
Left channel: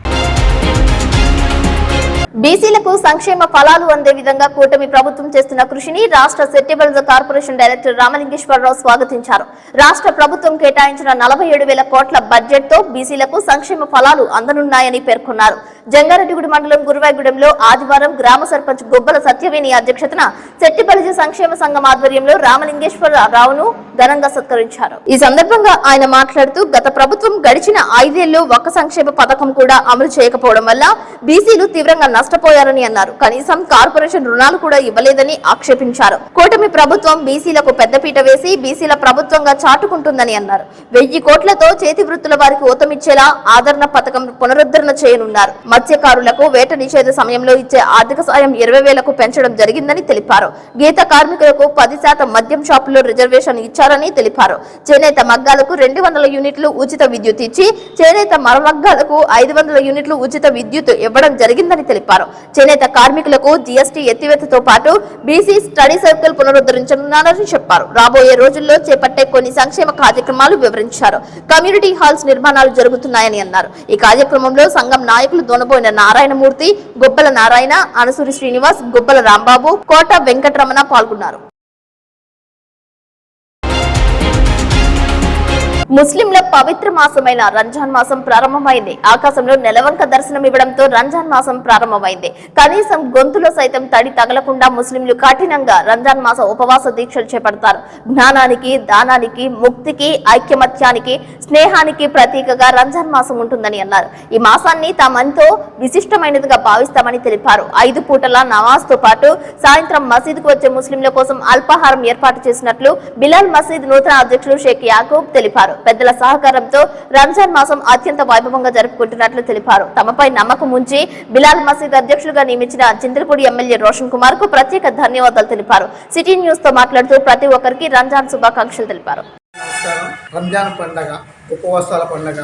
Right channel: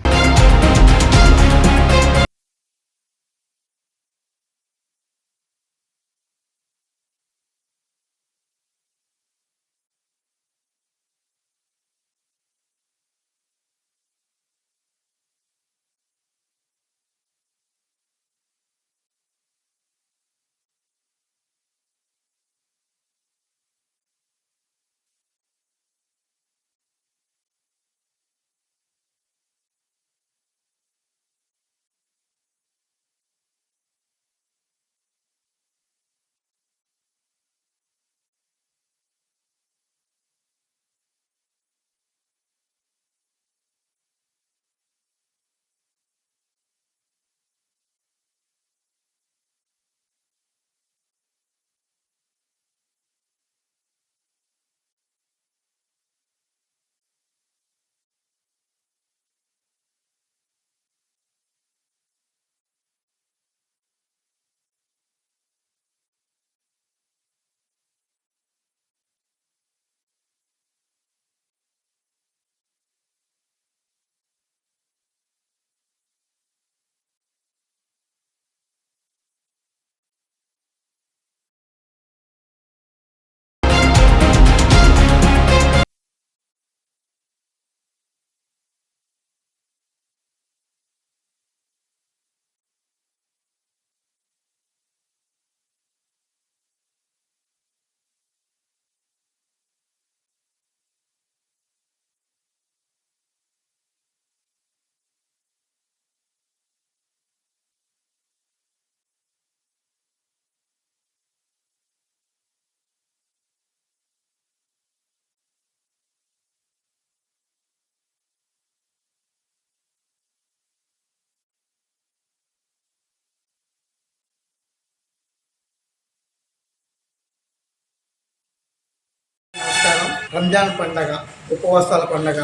బీసీలకు సంక్షేమ ఫలాలు అందే విధంగా కూటమి ప్రభుత్వం చేస్తున్న కృషిని రాష్ట్ర సెట్టిబుల్స్ కార్పొరేషన్ డైరెక్టర్ రామలింగేశ్వరరావు స్వాగతించారు. రాష్ట్ర ప్రభుత్వం కేటాయించిన 47,000 కోట్ల బడ్జెట్ తో బీసీలకు సంక్షేమ ఫలాలు అందనున్నాయని పేర్కొన్నారు. జంగారెడ్డిగూడెం మండలం గురువాయిగూడెంలో ఆదివారం గ్రామ సర్పంచ్ గుబ్బల సత్యవేణి అధ్యక్షతన సెట్టిబలిజ సంక్షేమ సంఘం ఆధ్వర్యంలో రామలింగేశ్వరరావును ఘనంగా సత్కరించారు. ఈ సందర్భంగా ఆయన మాట్లాడుతూ గత ప్రభుత్వం గడిచిన 5 ఏళ్లు ఒక్క సంక్షేమ పథకం కూడా అమలు చేయకపోవడం వల్ల బీసీలు తీవ్రంగా నష్టపోయారని అన్నారు. కనీసం కార్పొరేషన్ రుణాలు కూడా ఇవ్వలేదని ఆక్షేపించారు. కూటమి ప్రభుత్వం బీసీలకు పెద్దపీట వేసి బీసీల ప్రభుత్వంగా చాటుకుంటుందని అన్నారు. 1000 కోట్లతో చేతి వృత్తుల వారికి ఊతమిచ్చేలా ఆదరణ పథకం పునరుద్ధరణ చేయనున్నారు. మత్స్యకారులకు వేట నిషేధ సమయంలో ఇచ్చే ఆర్థిక సాయం 20,000కు పెంచడం జరిగిందని తెలిపారు. గీత కార్మికులకు 10% మద్యం షాపుల్లో రిజర్వేషన్ ఇచ్చారని తెలిపారు. చేనేత మగ్గాలకు 200 యూనిట్లు ఉచిత విద్యుత్ ఇచ్చి చేనేత మరమగ్గాలకు 500 యూనిట్లు ఉచిత విద్యుత్ ఇవ్వడం జరిగిందని తెలిపారు. చేనేత కార్మికులకు జీఎస్టీ ఎత్తివేతతో పాటు బీసీ స్టడీ సర్కిల్ పునరుద్ధరించనున్నారని చెప్పారు. రాబోయే రోజుల్లో చేపట్టే కొన్ని సంక్షేమ కార్యక్రమాలు వివరించారు. కమ్యూనిటీ హాల్స్ నిర్మాణాలు జరుగుతున్నాయని అన్నారు. ఈ కార్యక్రమంలో సంఘం నాయకులు దొనబోయిన నారాయణమూర్తి, గుబ్బల నారాయణ, అనసూరి శ్రీనివాస్, గుబ్బల రాంబాబు, కోట వెంకటరమణ పాల్గొన్నారు. ముస్లింల పవిత్ర మాసమైన రంజాన్ మాసం ప్రారంభమైంది. ఆకాశంలో నెలవంక దర్శనం ఇవ్వడంతో రంజాన్ మాసం ప్రారంభమైంది. కనీసం గొంతులో సైతం తడి తగలకుండా ముస్లింలు కఠినంగా రంజాన్ మాస ఉపవాస దీక్షలు చేపడతారు. జ్ఞానానికి, దానానికి, ముక్తికి, ఐక్యమత్యానికి, స్నేహానికి ప్రతీకగా రంజాన్ మాసం ఉంటుందని అన్నారు. ఈ మాసాన్ని తామెంతో విశిష్టమైనదిగా భావిస్తామని తెలిపారు. 5 పూటల నమాజ్ తో పాటు సాయంత్రం మసీదుకు వచ్చే ముస్లింల కోసం అల్పాహారం ఏర్పాటు చేసినట్లు బిలాల్ మసీద్ నూతన అధ్యక్షులు షేక్ యాకూబ్ తెలిపారు. పెద్దల సహకారంతో రంజాన్ మాసం అత్యంత వైభవంగా జరుపుకుంటున్నట్లు తెలిపారు. తమపై నమ్మకం ఉంచి బిలాల్ మసీద్ అధ్యక్షులుగా నియమించిన చింతలపూడి ఎమ్మెల్యే రోషన్ కుమార్ కు ప్రత్యేక ధన్యవాదాలు తెలిపారు. సిటీ న్యూస్ తో మాట్లాడుతూ ప్రతి ఒక్కరికి రంజాన్ శుభాకాంక్షలు తెలిపారు. నమస్కారం. రంజాన్ పండగ ఉపవాసాల పండగ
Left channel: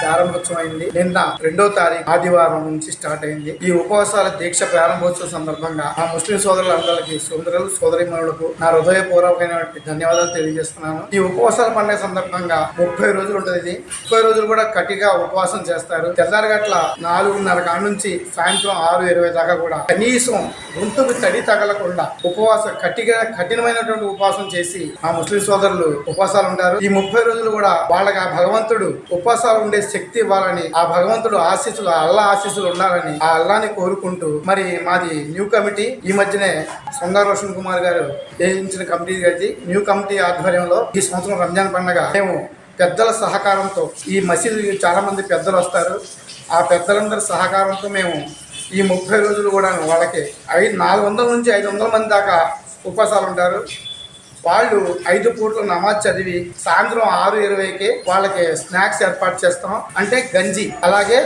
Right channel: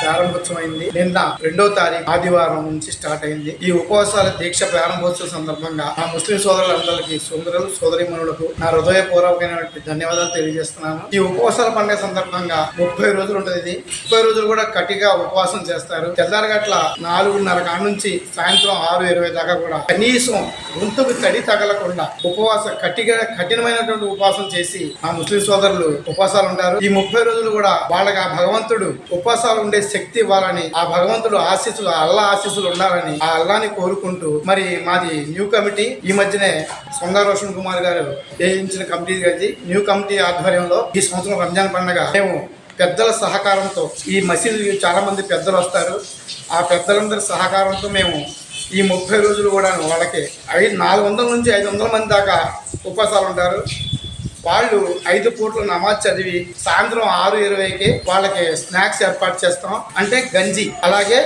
ప్రారంభోత్సవమైంది. నిన్న 2వ తారీఖు ఆదివారం నుంచి స్టార్ట్ అయింది. ఈ ఉపవాసాల దీక్ష ప్రారంభోత్సవ సందర్భంగా మా ముస్లిం సోదరులందరికీ, సోదరులు సోదరీమణులకు నా హృదయపూర్వకమైనటువంటి ధన్యవాదాలు తెలియజేస్తున్నాను. ఈ ఉపవాసాల పండుగ సందర్భంగా 30 రోజులు ఉంటుంది. ఇది 30 రోజులు కూడా కటిగా ఉపవాసం చేస్తారు. తెల్లారగట్ల 4:30 కాడ నుంచి సాయంత్రం 6:20 దాకా కూడా కనీసం గొంతుకు తడి తగలకుండా కఠినమైనటువంటి ఉపవాసం చేసి మా ముస్లిం సోదరులు ఉపవాసాలు ఉంటారు. ఈ 30 రోజులు కూడా వాళ్ళకి ఆ భగవంతుడు ఉపవాసాలు ఉండే శక్తి ఇవ్వాలని, ఆ భగవంతుడు ఆశీస్సులు, అల్లా ఆశీస్సులు ఉండాలని ఆ అల్లాని కోరుకుంటూ మరి మాది న్యూ కమిటీ ఈ మధ్యనే సొంగ రోషన్ కుమార్ గారు వేయించిన కమిటీ గారి న్యూ కమిటీ ఆధ్వర్యంలో ఈ సంవత్సరం రంజాన్ పండుగ మేము పెద్దల సహకారంతో, ఈ మసీదు చాలా మంది పెద్దలు వస్తారు, ఆ పెద్దలందరి సహకారంతో మేము ఈ 30 రోజులు కూడా వాళ్ళకి 400 నుంచి 500 మంది దాకా ఉపవాసాలు ఉంటారు. వాళ్ళు 5 పూట్ల నమాజ్ చదివి సాయంత్రం 6:20కి వాళ్ళకి స్నాక్స్ ఏర్పాటు చేస్తాం. అంటే గంజి, అలాగే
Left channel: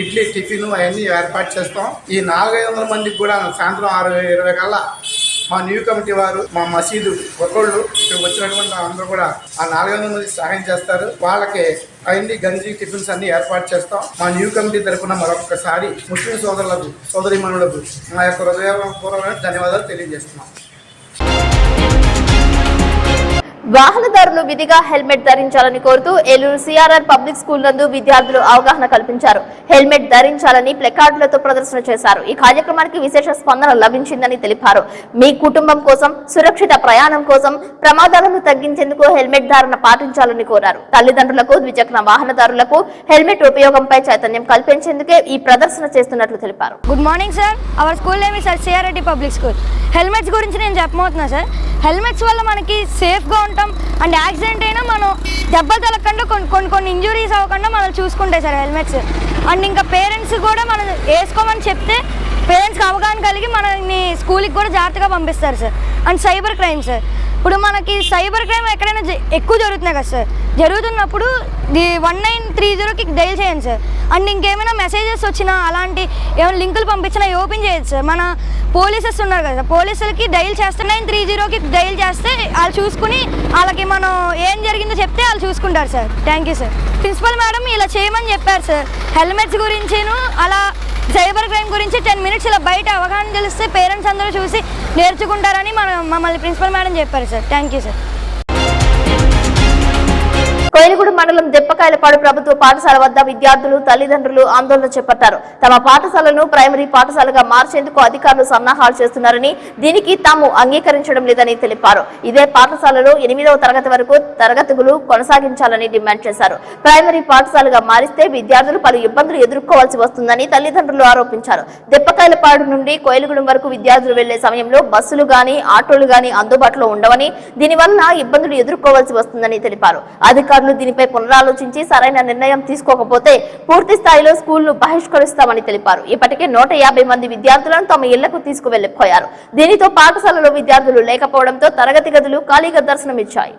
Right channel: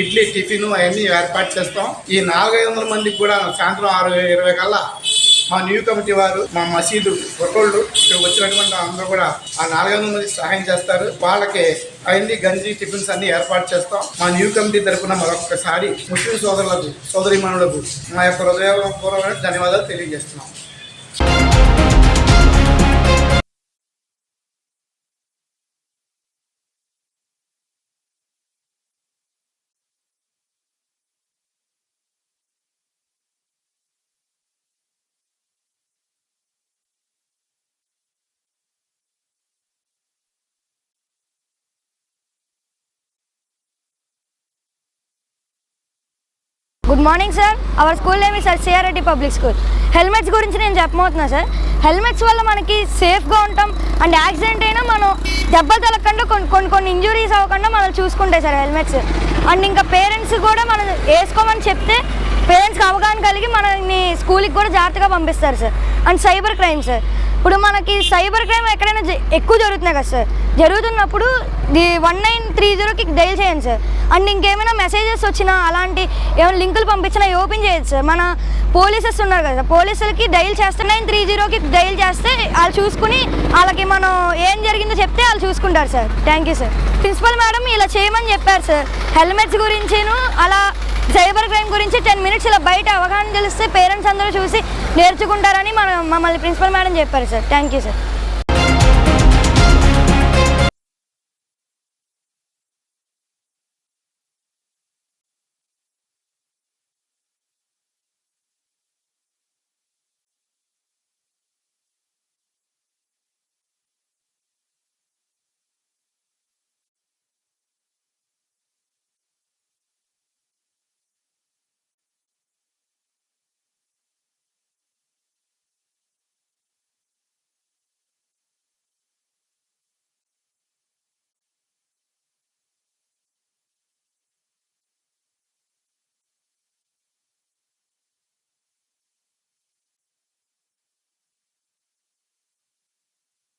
ఇడ్లీ టిఫిన్ అవన్నీ ఏర్పాటు చేస్తాం. ఈ 400-500 మందికి కూడా సాయంత్రం 6:20 కల్లా మా న్యూ కమిటీ వారు, మా మసీదు ఒకళ్ళు ఇక్కడ వచ్చినటువంటి అందరూ కూడా ఆ 400 మందికి సహాయం చేస్తారు. వాళ్ళకి అవన్నీ గంజి టిఫిన్స్ అన్ని ఏర్పాటు చేస్తాం. మా న్యూ కమిటీ తరఫున మరొకసారి ముస్లిం సోదరులకు, సోదరీమణులకు మా యొక్క హృదయపూర్వకమైన ధన్యవాదాలు తెలియజేస్తున్నాం. వాహనదారులు విధిగా హెల్మెట్ ధరించాలని కోరుతూ ఏలూరు సిఆర్ఆర్ పబ్లిక్ స్కూల్ నందు విద్యార్థులు అవగాహన కల్పించారు. హెల్మెట్ ధరించాలని ప్లకార్డులతో ప్రదర్శన చేశారు. ఈ కార్యక్రమానికి విశేష స్పందన లభించిందని తెలిపారు. మీ కుటుంబం కోసం, సురక్షిత ప్రయాణం కోసం ప్రమాదాలను తగ్గించేందుకు హెల్మెట్ ధారణ పాటించాలని కోరారు. తల్లిదండ్రులకు, ద్విచక్ర వాహనదారులకు హెల్మెట్ ఉపయోగంపై చైతన్యం కల్పించేందుకే ఈ ప్రదర్శన చేస్తున్నట్లు తెలిపారు. Good morning sir. Our school name is CRR public school. Helmets గురించి నేను చెప్పబోతున్నా సార్. హెల్మెట్స్ వల్ల మనకి సేఫ్గా ఉంటాం అండ్ యాక్సిడెంట్ అయినా మనం దెబ్బలు తలగకుండా కొన్ని ఇంజురీస్ అవ్వకుండా మనం చూసుకుంటాయి సార్ హెల్మెట్స్. అండ్ ఇంకా పేరెంట్స్ కూడా మనం వేసుకోమని చెప్తే పేరెంట్స్కి అవగాహన కలిగి మనల్ని స్కూల్కి కూడా జాగ్రత్తగా పంపిస్తారు sir. And cyber crime sir, ఇప్పుడు మనకి సైబర్ క్రైమ్ ఎక్కడైనా ఎక్కువ జరుగుతున్నాయి కదా సార్. జరుగుతున్నప్పుడు 1930కి డైల్ చేయండి సార్. అండ్ ఇంకేమైనా మెసేజెస్ వచ్చినా అలాంటి ఏమైనా లింకులు పంపించినా ఓపెన్ చేయొచ్చు సార్. మన పోలీసెస్ ఉన్నారు కదా, పోలీసులకి డైల్ చేస్తే 930కి డైల్ చేస్తే వాళ్ళు చూసుకుని వాళ్ళకి మనం ఏం జరిగిందో చెప్తే వాళ్ళు చూసుకుంటారు sir. Thank you sir. Principal madam ఇలా చేయమని చెప్పారు సార్. హెల్మెట్స్ గురించిను అలా సైబర్ క్రైమ్ గురించి 10 మినిట్స్ ఇలా బయట అవగాహన తెలిస్తే పేరెంట్స్ అందరూ చూసి నేర్చుకుంటారని మమ్మల్ని ప్రిన్సిపల్ మేడం చెప్పారు sir. Thank you sir. Koyilaguda mandal Deppakayalapadu ప్రభుత్వ పాఠశాల వద్ద విద్యార్థులు, తల్లిదండ్రులు ఆందోళన చేపట్టారు. తమ పాఠశాలను ప్రైమరీ పాఠశాలగా మార్చేందుకు అధికారులు సన్నాహాలు చేస్తున్నారని, దీనికి తాము అంగీకరించడం లేదని తెలిపారు. ఇదే పాఠశాలలో 8వ తరగతి వరకు తరగతులు కొనసాగించాలని డిమాండ్ చేశారు. ప్రైమరీ పాఠశాలగా మారిస్తే విద్యార్థులు పలు ఇబ్బందులు ఎదుర్కోవాల్సి వస్తుందని తల్లిదండ్రులు ఆరోపించారు. దెప్పకాయలపాడు నుండి కోయిలగూడెం వరకు విద్యార్థులు వెళ్లే సమయంలో బస్సులు గాని, ఆటోలు గాని అందుబాటులో ఉండవని, దీనివల్ల ఇబ్బందులు ఎదుర్కోవాల్సి వస్తుందని తెలిపారు. అధికారులు దీనిపై పునరాలోచించి సరైన నిర్ణయం తీసుకోకపోతే పూర్తి స్థాయిలో స్కూల్ను బహిష్కరిస్తామని తెలిపారు. ఇప్పటికే 150 మంది విద్యార్థులను తమ ఇళ్లకు తీసుకువెళ్లిపోయారు. దీనితో పాఠశాలలో విద్యార్థులు లేకపోవడంతో తరగతి గదులు ఖాళీగా దర్శనమిచ్చాయి.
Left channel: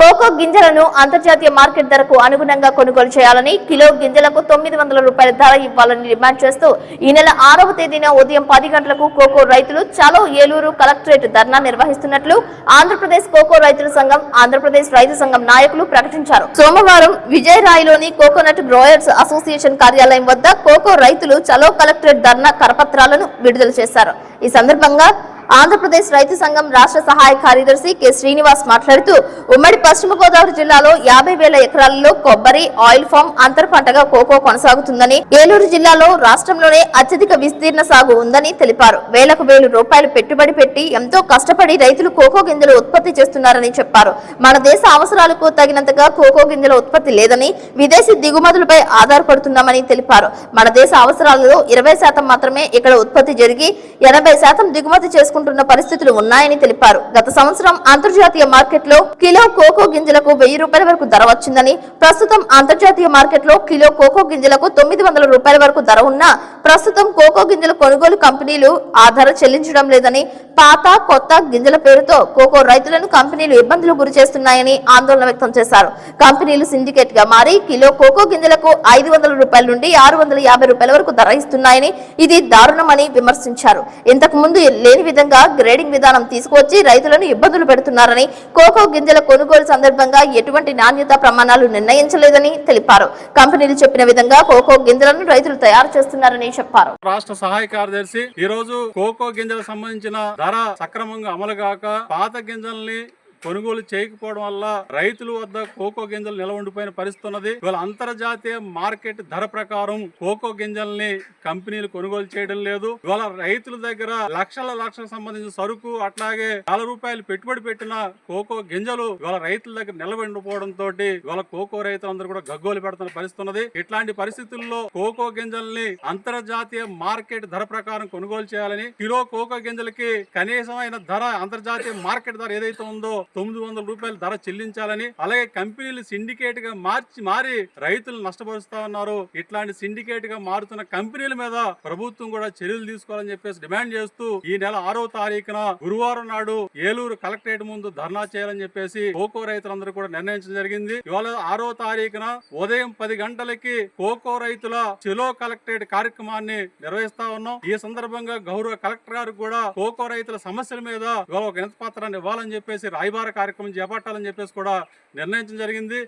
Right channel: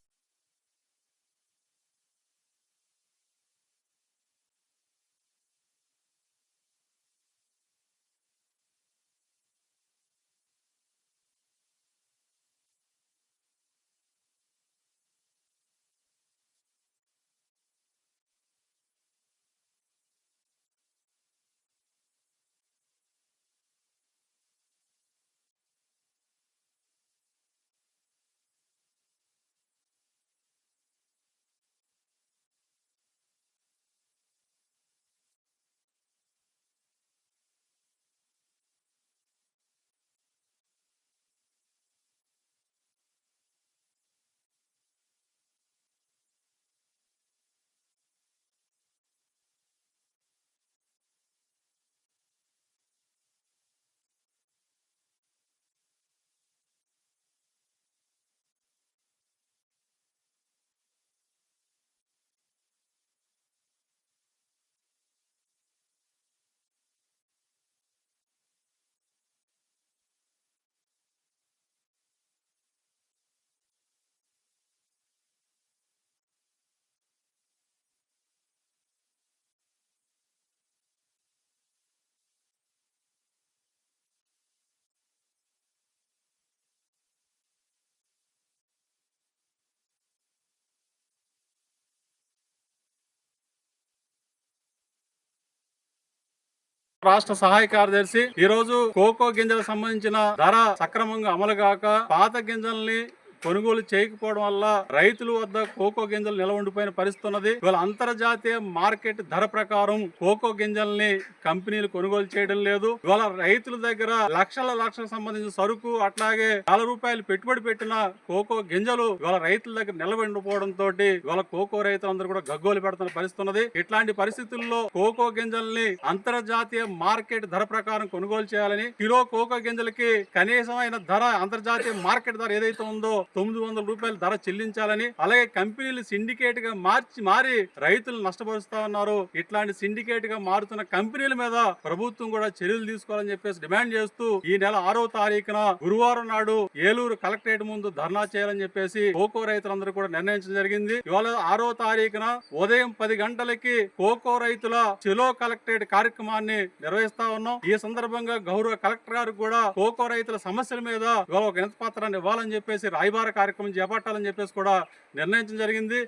కోకో గింజలను అంతర్జాతీయ మార్కెట్ ధరకు అనుగుణంగా కొనుగోలు చేయాలని, కిలో గింజలకు 900 రూపాయల ధర ఇవ్వాలని డిమాండ్ చేస్తూ ఈ నెల 6వ తేదీన ఉదయం 10 గంటలకు కోకో రైతులు చలో ఏలూరు కలెక్టరేట్ ధర్నా నిర్వహిస్తున్నట్లు ఆంధ్రప్రదేశ్ కోకో రైతుల సంఘం, ఆంధ్రప్రదేశ్ రైతు సంఘం నాయకులు ప్రకటించారు. సోమవారం విజయరాయిలోని కోకోనట్ గ్రోయర్స్ అసోసియేషన్ కార్యాలయం వద్ద కోకో రైతులు చలో కలెక్టరేట్ ధర్నా కరపత్రాలను విడుదల చేశారు. ఈ సందర్భంగా ఆంధ్రప్రదేశ్ రైతు సంఘం రాష్ట్ర సహాయ కార్యదర్శి కె శ్రీనివాస్ మాట్లాడుతూ ఉమ్మడి పశ్చిమ గోదావరి జిల్లాలో 50,000 ఎకరాలలో కొబ్బరి, ఆయిల్ ఫామ్ అంతర పంటగా కోకో కొనసాగుతుందని, ఏలూరు జిల్లాలో రాష్ట్రంలోనే అత్యధిక విస్తీర్ణ సాగు ఉందని తెలిపారు. వేలకు వేలు రూపాయలు పెట్టుబడి పెట్టి ఎంతో కష్టపడి రైతులు కోకో గింజలు ఉత్పత్తి చేస్తున్నారని చెప్పారు. మన దేశ అవసరాలకు తగినంతగా కోకో గింజల ఉత్పత్తి లేదని, విదేశీ దిగుమతులపై ఆధారపడుతున్నామని తెలిపారు. మన దేశ అవసరాలలో 20% మాత్రమే ఇక్కడ ఉత్పత్తి జరిగి 80% దిగుమతి చేసుకుంటున్న పరిస్థితులు ఉన్నాయని తెలిపారు. గత సంవత్సరం అంతర్జాతీయ మార్కెట్లో కిలో కోకో గింజలకు 1000 రూపాయల వరకు ధర వచ్చిందని, ప్రస్తుతం అంతర్జాతీయ మార్కెట్లో కిలో కోకో గింజలకు 900 రూపాయల వరకు ధర ఉన్నా ప్రస్తుతం కోకో గింజల కొనుగోలు కంపెనీలు ఆ ధర చెల్లించడం లేదని, పాత కొత్త గింజల పేరుతో కోకో రైతులను కంపెనీలు ఇబ్బందులు గురి చేస్తున్నాయని ఆందోళన వ్యక్తం చేశారు. కంపెనీలు సిండికేట్ గా మారి కిలో కోకో గింజలకు 500 రూపాయల నుండి 650 రూపాయల వరకు ధర ఇస్తున్నాయని, ఇది దారుణమని విమర్శించారు. ఇంతకు ముందు లేని విధంగా గ్రేడింగ్ విధానం తీసుకువచ్చి రైతులను ఇబ్బందులు పెడుతున్నారని, కోకో గింజల కొనుగోలు సందర్భంగా ఎటువంటి నాణ్యత ప్రమాణాలు నిర్ణయించలేదని తెలిపారు. కంపెనీలు చెప్పిన విధంగా కోకో గింజలను రైతులు తయారు చేస్తున్నారని చెప్పారు. రాష్ట్ర సహాయ కార్యదర్శి ఈ రోజు కోకో గింజలకు సంబంధించిన ధర సక్రమంగా అమలు కాక పాత గింజల్ని కొనుగోలు చేయకపోవడం వల్ల రైతుల వద్ద కోకో గింజలు నిల్వ ఉండిపోయిన పరిస్థితి ఉన్నది. ఇవాళ అంతర్జాతీయ మార్కెట్ ధర ప్రకారం కోకో గింజల్ని కంపెనీలు కొనుగోలు చేయడం లేదు. ఇవాళ రైతుల దగ్గర లక్షల సంబంధించిన సరుకు, అట్లాగే ₹1 పెట్టుబడి పెట్టిన కోకో గింజలు ఇవాళ రైతుల దగ్గర నిల్వ ఉండిపోవడంతో ఇవాళ కోకో రైతులందరూ కూడా గగ్గోలు పెడుతున్న పరిస్థితి ఉన్నది. ఇట్లాంటి పరిస్థితుల్లో కోకో గింజల్ని అంతర్జాతీయ మార్కెట్ ధర ప్రకారం కొనుగోలు చేయాలని, కిలో కోకో గింజలకి కనీసమైన ధర, అంతర్జాతీయ మార్కెట్ ధర ఏదైతే ఉందో 900 రూపాయల ధర చెల్లించాలని, అలాగే కంపెనీలు సిండికేట్ గా మారి రైతులు నష్టపరుస్తా ఉన్నారు. ఇట్లాంటి సిండికేట్ గా మారుతున్న కంపెనీల మీద ప్రభుత్వం కూడా చర్యలు తీసుకోవాలని చెప్పేసి డిమాండ్ చేస్తూ ఈ నెల 6వ తారీఖున గురువారం నాడు ఏలూరు కలెక్టరేట్ ముందు ధర్నా చేయాలని చెప్పేసి కోకో రైతులందరూ కూడా నిర్ణయించడం జరిగింది. ఇవాళ 6వ తారీఖున ఉదయం 10 గంటలకి కోకో రైతుల చెలో కలెక్టరేట్ కార్యక్రమాన్ని నిర్వహిస్తా ఉన్నాం. ఈ సందర్భంగా గౌరవ కలెక్టర్ గారు కూడా కోకో రైతుల సమస్యల మీద ఇవాళ ఒక వినతి పత్రాన్ని ఇవ్వాలని చెప్పేసి రాయబార కార్యక్రమం చేపట్టాలని చెప్పేసి కూడా నిర్ణయించడం జరిగింది.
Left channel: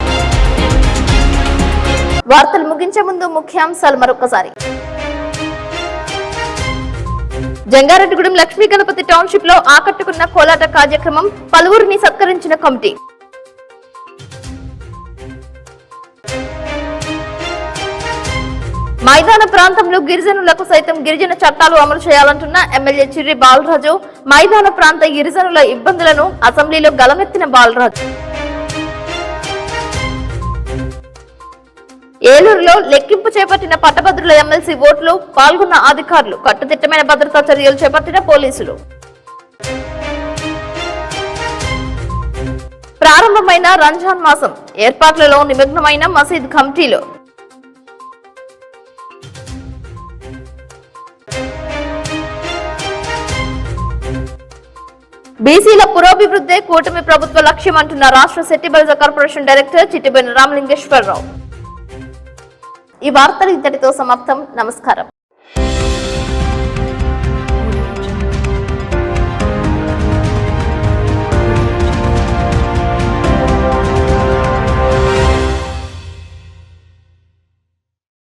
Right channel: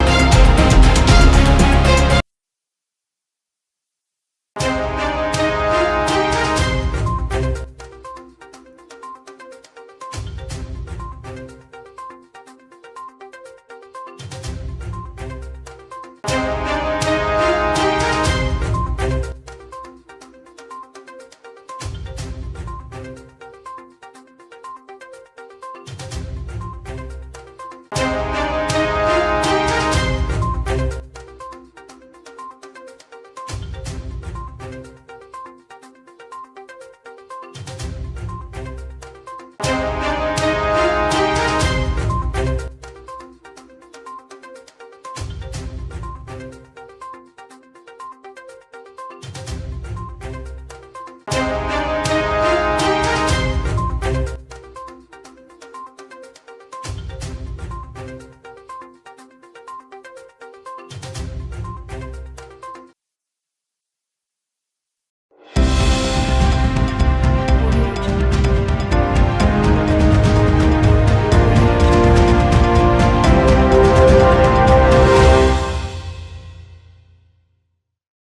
వార్తలు ముగించే ముందు ముఖ్యాంశాలు మరొకసారి. జంగారెడ్డిగూడెం లక్ష్మీ గణపతి టౌన్షిప్ లో ఆకట్టుకున్న కోలాట కార్యక్రమం, పలువురిని సత్కరించిన కమిటీ. మైదాన ప్రాంతంలో గిరిజనులకు సైతం గిరిజన చట్టాలు అమలు చేయాలంటున్న ఎమ్మెల్యే చిర్రి బాలరాజు. మైదాన ప్రాంత గిరిజనుల ఇబ్బందులను అసెంబ్లీలో గలమెత్తిన బాలరాజు. ఏలూరులో లెక్కింపు చేపట్టిన పట్టభద్రుల ఎమ్మెల్సీ ఓట్లు, పాల్గొన్న అధికారులు. కట్టుదిట్టమైన భద్రతా చర్యలు చేపట్టిన పోలీసులు. ప్రారంభమైన రంజాన్ మాసం, ఏర్పాట్లలో నిమగ్నమైన మసీద్ కమిటీలు. బీసీల పురోభివృద్ధే కూటమి ప్రభుత్వ లక్ష్యం అంటున్న రాష్ట్ర సెట్టిబలిజ కార్పొరేషన్ డైరెక్టర్ చిట్టిబోయిన రామలింగేశ్వరరావు. ఈ వార్తలు ఇంతటితో సమాప్తం. నమస్కారం.